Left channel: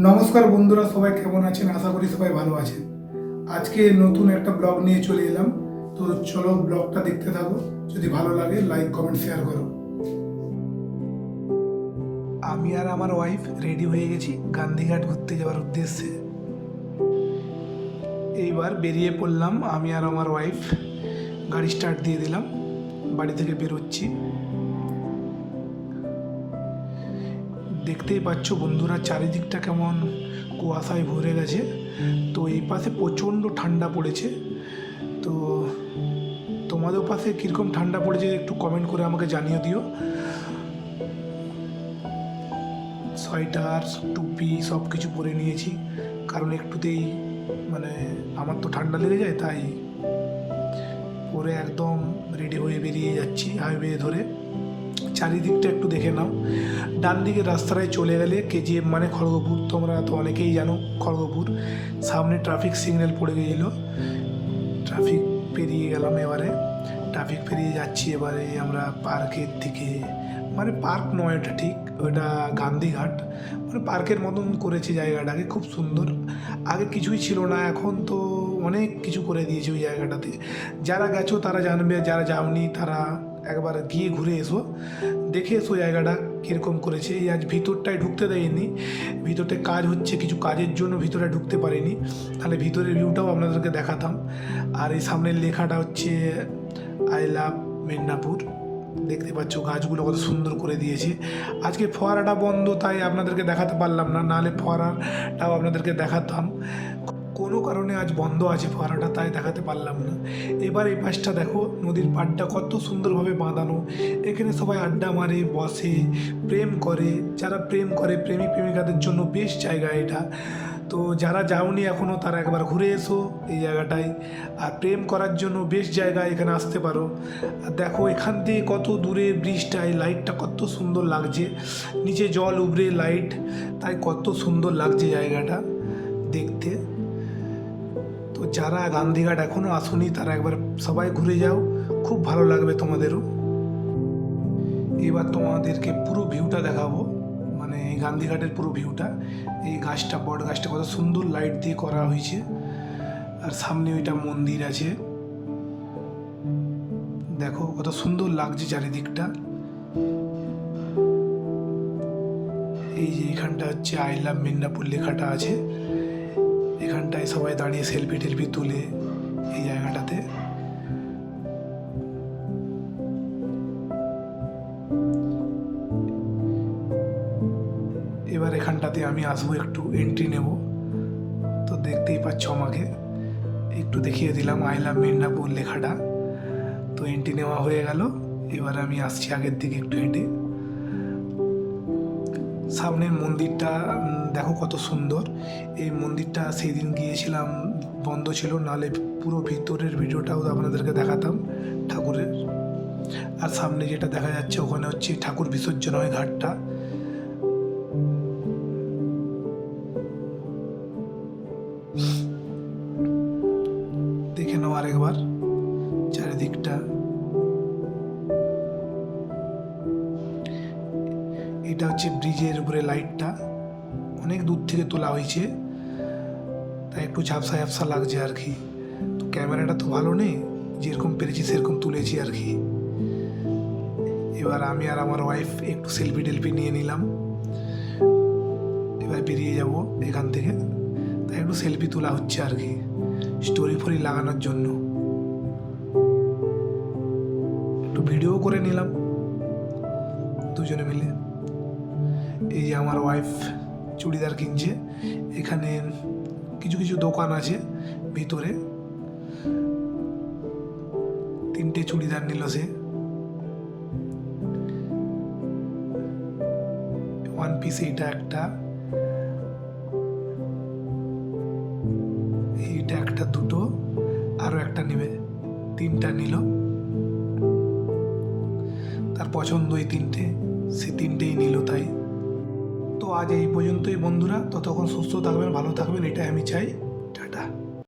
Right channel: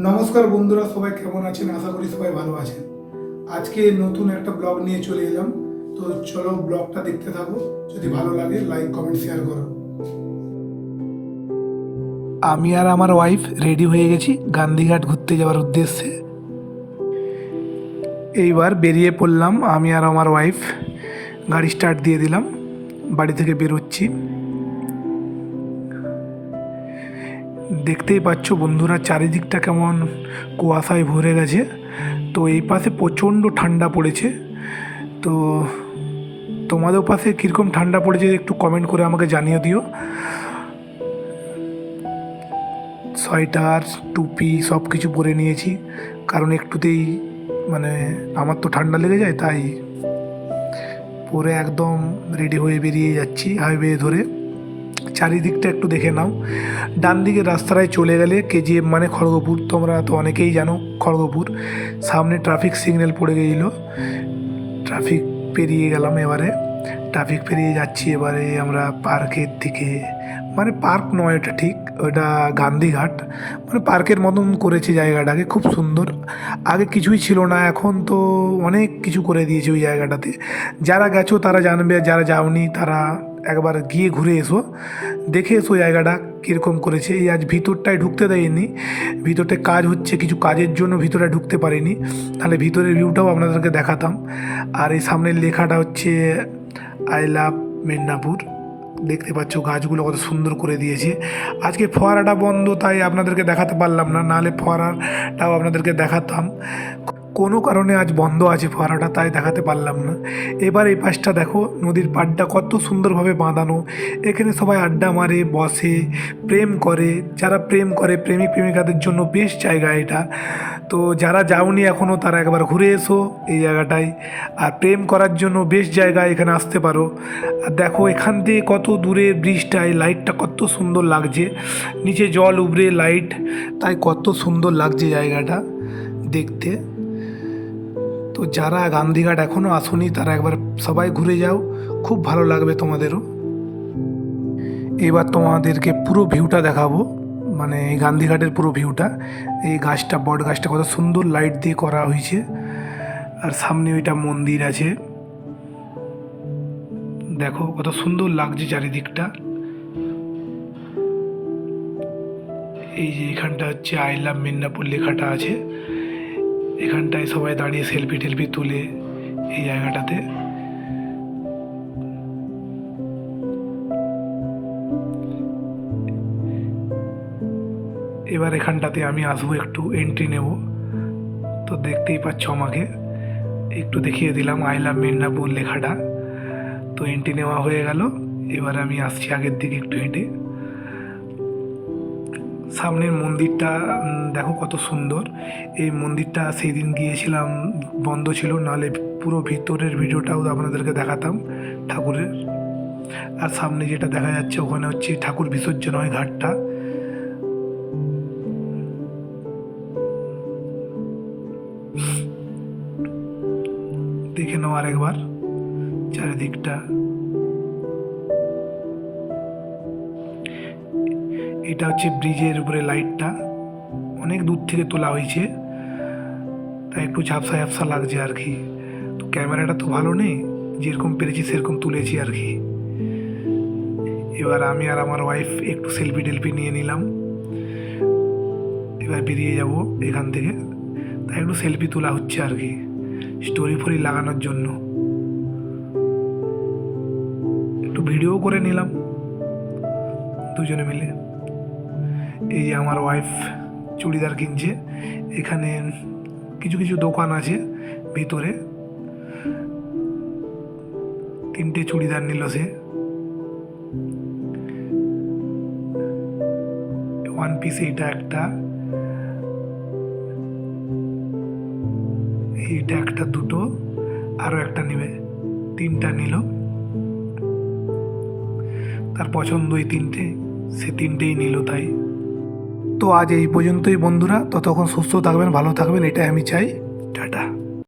নমস্কার বন্ধুরা, সবাই কেমন আছেন? আশা করি সবাই ভালো আছেন। আজকে নতুন একটা ব্লগ নিয়ে চলে এলাম। তো চলো ব্লগটা দেখতে থাকো। যদি ভালো লাগে লাইক কমেন্ট শেয়ার করো। আমি আর আমার ওয়াইফ রেডি হয়ে গেছি গান্ধীঘাট ঘুরতে যাওয়ার উদ্দেশ্যে। এইবার বেরিয়ে পড়লাম। আমি আর আমার ওয়াইফ গাড়ি স্টার্ট দিয়ে দিলাম। বাড়ি থেকে বেরোচ্ছি। দেখতেই পাচ্ছ বন্ধুরা, চারিদিকটা কেমন কুয়াশায় ভরে গেছে। তো এই পাশে প্রচণ্ড ঠান্ডা পড়েছে। তো তোমাদের পাশে কীরকম ঠান্ডা পড়েছে একটু কমেন্ট করে আমাকে জানিয়ে দিও। সোয়েটার টুপি সব কিছু পরে নিয়েছি। কারণ একটুতেই মানে আমার তো ঠান্ডা লেগে যায়, তাই পরে একদম রেডি হয়ে বেরিয়ে যাচ্ছি হাইওয়ে ধরে। চারিদিকটা একটু দেখে নাও। ডান দিকে রাস্তাটায় চলে গেলে কেজিএম মানে খড়গপুর। তোমরা তো অনেকেই জানো খড়গপুর। সামনে ট্রাফিক সিগন্যাল পড়ে গেছিল। ট্রাফিক পেরিয়ে গেলাম এবারে। ট্রাফিক পেরিয়ে যাচ্ছি এবারে আমরা পার্কের দিকে। মানে পার্ক নয় ওটা ঠিক, ওটা গান্ধীঘাট। মানে পার্কের মতন করেছে জায়গাটাকে, খুব সুন্দর। আগে কিছুই ছিল না, এখন তো অনেক কিছু করে দিয়েছে ওই জায়গাটাতে। যারা গেছো তারা জানবে, যারা যাওনি তারা একবার গিয়ে ঘুরে এসো। দেখে এসো জায়গাটা কীরকম করেছে। এই আজ ভিতরটায় ঢুকতে দেয়নি। ভিতরটায় কাজ হচ্ছে, কিছু কাজের জন্য ভিতরে ঢুকতে পারিনি। তাহলে ভিতরের ভিউটাও আপনাদেরকে দেখাতাম। আর এই সামনের লেখাটা হচ্ছে আই লাভ মেদিনীপুর দেখতে পাচ্ছ গাছগুলো কত সুন্দর করে দিয়েছে। আজকে ফোয়ারাটা বন্ধ, তাই আপনাদেরকে দেখাতে পারলাম না। নাহলে ফোয়ারাটাও আপনাদেরকে দেখাতাম। কোনো কারণে আজ বন্ধ আছে ফোয়ারাটা তাই দেখাতে পারলাম না। এবার এই পাশটা দেখো, নদীর পাড়টা কত সুন্দরভাবে বাঁধানো। এখানে সবাই আড্ডা মারে, বসে, প্রেম করে। যারা প্রেম করে প্রেমিক প্রেমিকাদের জন্য বেশ জায়গা এটা। তো যারা যাওনি এখনও তারা একবার ঘুরে এসো এই জায়গাটায়। আর প্রেম করার জন্য বেশ জায়গা এখানে আসতে পারো। আর দেখো, এখান থেকে কত দূরে ব্রিজটায় লাইটটা কত সুন্দর লাগছে। নিচে জল উবরে, লাইট। তাই কত সুন্দর লাগছে জায়গাটা দেখতে। তো যারা গান্ধীঘাট এখনও আসুনি, তারা একবার সবাই ঘুরে যাও। খুব ভালো লাগবে তোমাদেরও। এবার তোমাদেরকে পুরো ভিউটা দেখাবো। মানে এই গান্ধীঘাটের পুরো ভিউটা। এই গাছটা, বট গাছটা কত সুন্দর লাইট দিয়ে করা হয়েছে। আর সামনে ওইটা মন্দির আছে। দেখো, কত সুন্দর লাগছে চারিদিকটা। এই যে এখানটা হচ্ছে আই লাভ মিদনাপুর লেখাটা আছে। এখানটায় সবাই দাঁড়িয়ে সেলফি টেলফি তুলে এই জায়গাটাতে। এবার এখানটাতে আমি আসব, একটু এন্ট্রি নেব। তো দেখতেই পাচ্ছ আমাকে। একটু দেখিয়ে দিলাম আই লাভ মিদনাপুর লেখাটা। তো এন্ট্রি নেওয়া হয়ে গেল। এবার আমি আসছি আগের দিকে একটু হেঁটে। সামনের মন্দিরটা দেখো কত সুন্দর। এই মন্দিরটা সেই দিন গিয়েছিলাম, বন্ধ ছিল, নাহলে পুরো ভিতরের ভিডিওটাও আপনাদেরকে দেখাতাম ঠাকুরের। আর সামনে যেটা দেখা যাচ্ছে, ওখানে হচ্ছে ঠাকুর বিসর্জন হয় ঘাটটা। দেখে নাও আরেকবার, চারিদিকটা। এটা হচ্ছে ব্রিজের উপরে লাইটটা। অনেক দূর থেকে তোলা হয়েছে। তাই একটু ঝাপসা ঝাপসা লাগছে আর কি। তো ক্যামেরাটা তো ভালো নেই, যেরকম পেরেছি সেরকম তুলেছি আর কি। এবার আমি আর আমার ওয়াইফ একটু সেলফি টেলফি নিয়ে নিলাম। এবার বেরিয়ে যাব এখান থেকে। তাই একটু সেলফি তোলা হচ্ছে আর কি। স্টোরি ফোরি লাগানোর জন্য। একটু ভিডিও করে নিলাম। দুজনে মিলে। এই যে আমার ওয়াইফ চুড়িদার কিনছে, এখানে কিছু কিছু দোকান আছে ভিতরে। তিনটে চুড়িদার নিল সে। ওয়ান পিস এইটা একটা। এইটা একটা দুটো আরও একটা নেবে। তিনটা নিল। তার পছন্দ এই তিনটে, সে তিনটেই নিল তাই। তো আজ এই পর্যন্তই বন্ধুরা। ততক্ষণ সুস্থ থাকবেন ভালো থাকবেন এটাই আমি চাই। টাটা।